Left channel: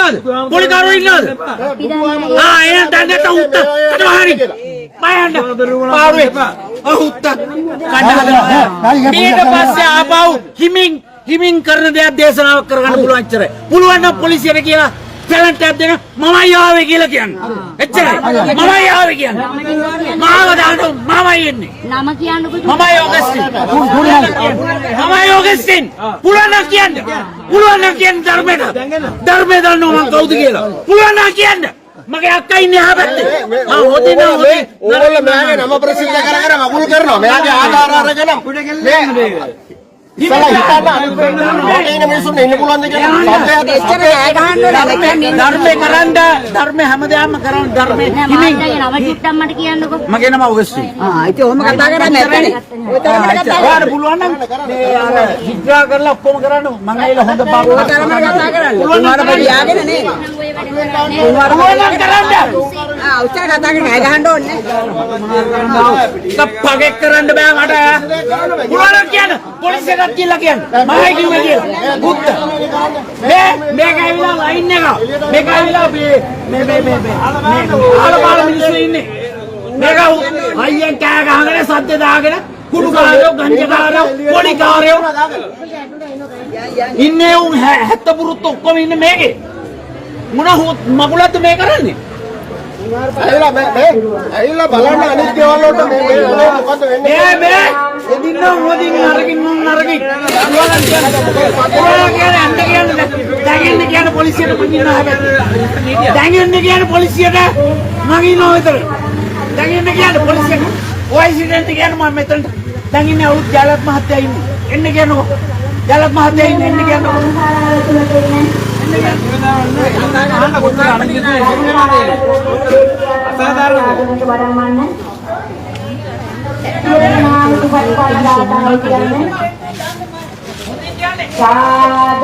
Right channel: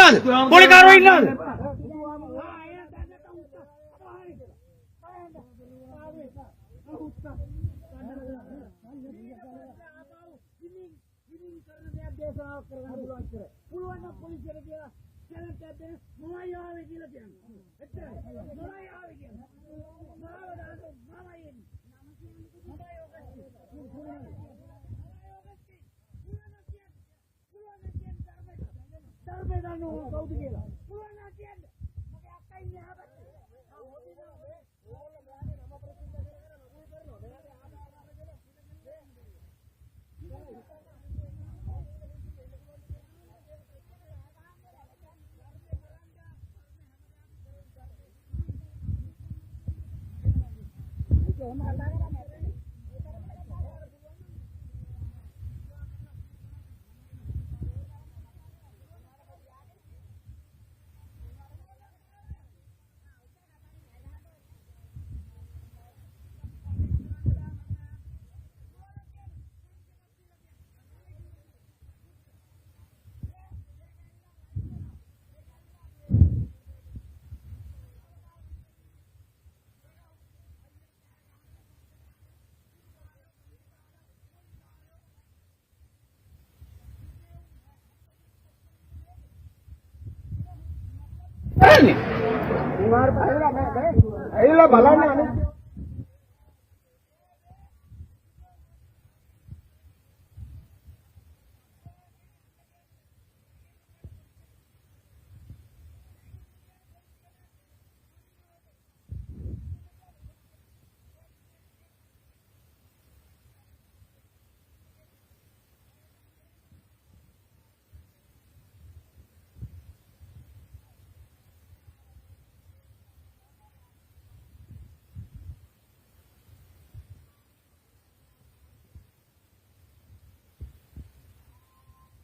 ඉන්නවද? පොලිකාරෝ ඉන්නවද? එහෙනම් දැන් නැත උත්ත. කටහරි. බයන්න. පාරුවේ. උත්ත. කඩහදලා. ඊට පස්සේ ආපහු හිමින් කරන දේක් දේශනාවක් කරගන්න පුළුවන් ඉච්චරයි. පුළුවන් නම් පොලිසියට කියලා ටැලන්ට් එකක් දෙන්න මමයි ආවේ කියලා කියන්න. එච්චරයි. මමයි ආවේ කියන්න. මාව දාන්න මමයි එන්නේ. නම කියන්නකො. මමයි ඕගස්ටින්. මමයි ඕගස්ටින්. පුළුවන් නම් කියන්න. පුළුවන් නම් කියන්න ධර්මයට. ධර්මයට දන්නව මං කවුද කියලා. පුළුවන් නම් කියන්න. මගේ අක්කා ඉන්නේ ආ පැත්තේ. හොදින ඕගොල්ලෝ මෙයාගේ නම ප්‍රසිද්ධ කර මගුල් කරනවා. මෙයාගේ ආධාර අරගෙන මේ ඉස්සලා හිතන්න අනිත් මිනිස්සුන් ඉන්න පුළුවන්ද කියලා එච්චර නෑ ගහන්න ධර්මේ කරන්න ධර්මේ හැමදාම කරන්න ධර්මේ හිමින් නම චුට්ටක් මට කියන්නකො. මගේ නම ඔගස්ටින්. ඉතින් ඔහොම කතා කරන්නේ නැත්නේ. ඔය තරමට කතා කරන්න පුළුවන් නම් මේ අර හිට්‍රා කරලා ඔක්කොම කරන්න මම ඇවිල්ලා හොඳ පාඩුවක් තරමට කතා කරන්න. උන්වර පොඩි යාගෙන නේ. උන්වර කරන්න. උච්චර කතා කරන්නේ නෑ ගහන්න ඕනේ. තප්පගේ කරන්න බෑ මට. පුළුවන් කියන්න. පොලිසියට කියලා කියන්න. මමයි කිව්වේ කියලා. බුද්ධ. මේක ඇවිල්ලා ලයින් එක. මේක ඇවිල්ලා මේ ආලපාල මිනිස්සු ඉන්නේ. මේක අයියෙන් කෑ ගහගෙන සද්ද දාගෙන කුඩු කාරයෝ ගංජා කාරයෝ පොඩි කාරයෝ ඉන්නේ උන් 70 පුරුත් ඔක්කොම ඉන්නේ මේකේ. මොන මගුලක්ද මේ කරන්නේ? ඇවිල්ලා බලන්න අනිත් දේවල් වලට මේ මොකද වෙන්නේ මේ එදින්න මොදින් නරකින් පුළුවන් කියන්නේ පොලිසියට පුදින්න හැබැයි දැන් එන්න කියන්නේ පොලිසියට මම ඉන්නවා විතර දැන් එන්න කියන්නේ පොලිසියට ඔය ඉන්සිඩන්ට් කියන්නේ මම මෙතන දැන් ඉන්නේ අවුත් ජාලත් මහත්තයා ඉන්නේ එන්න කියනකො ජාලත් මහත්තයා ඉන්නේ එන්න කියනකො Saat